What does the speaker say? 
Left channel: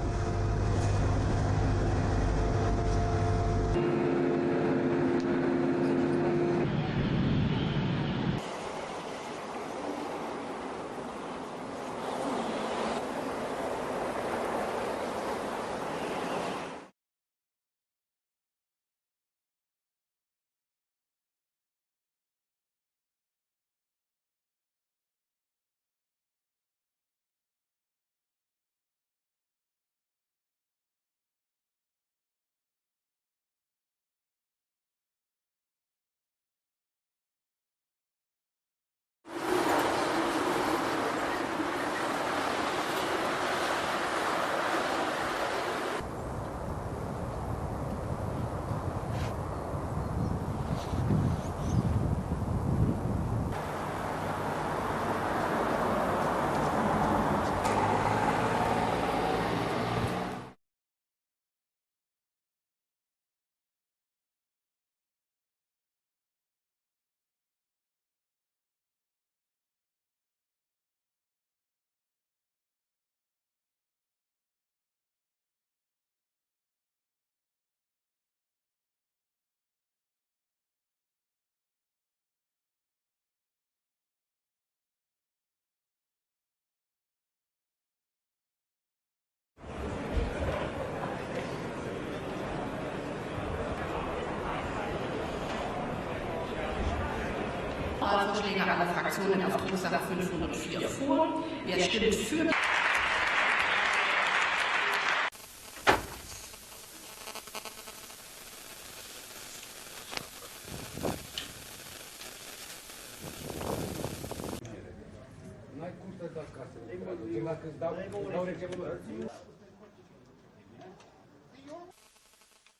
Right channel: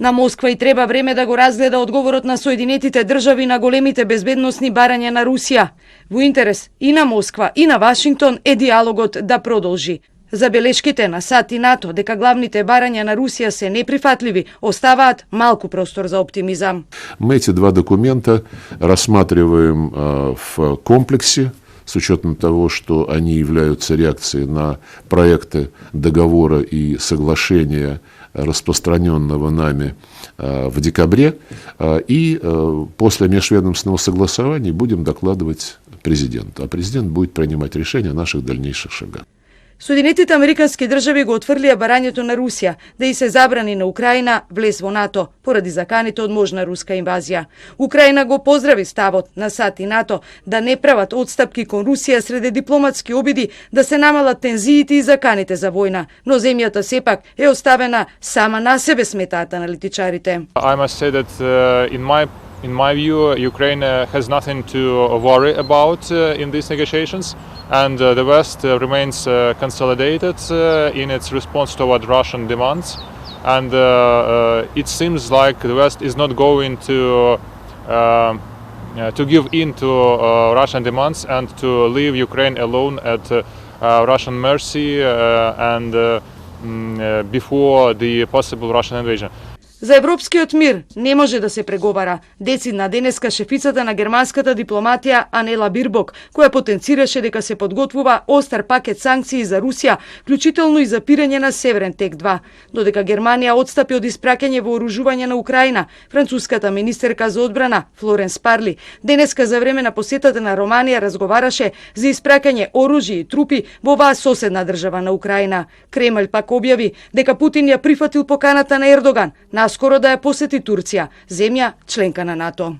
На Москва и треба време да го разгледа одговорот на Соединетите држави на големите безбедносни барања на Русија. Во интерес и на Москва и на Вашингтон е диалогот да продолжи. Забелешките на САД и НАТО дека главните барања на Русија се неприфатливи оставаат малку простор за оптимизам. Мы эти два документа рассматриваем в комплексе, с учетом того, что они являются реакцией на проекты договора и соглашения, распространенного нами в декабре, и после межведомственного согласования будем докладывать президенту, а президент будет принимать решение о наших дальнейших шагах. Соединетите американски држави го отфрлија барањето на Русија да и се забрани на Украина влез во НАТО поради заканите од можна руска инвазија. Украина го поздрави ставот на САД и НАТО да не прават отстапки кон Русија среде дипломатски обиди да се намалат тензиите и заканите за војна, но земјата сепак е оставена сама на себе, сметаат аналитичарите. I must say that in my view, Ukraine has nothing to worry about in these negotiations, and the West remains consolidated in its response toward Russian demands. And it seems like the West is not going to give in to Russian demands and to leave Ukraine alone at Russian mercy and before the possible Russian invasion. За европскиот мир не може да се преговара, децидна денеска шефицата на германската дипломатија Анела Бирбок, која потенцираше дека се подготвува остар пакет санкции за Русија, вклучително и запирање на Северен тек 2. Додека Германија отстапи од испраќање вооружување на Украина, француската министерка за одбрана Флоренс Парли денеска за време на посетата на Романија разговараше за испраќање оружје и трупи во оваа соседна држава на Украина. Кремљ пак објави дека Путин ја прифатил поканата на Ердоган наскоро да ја посети Турција, земја членка на НАТО.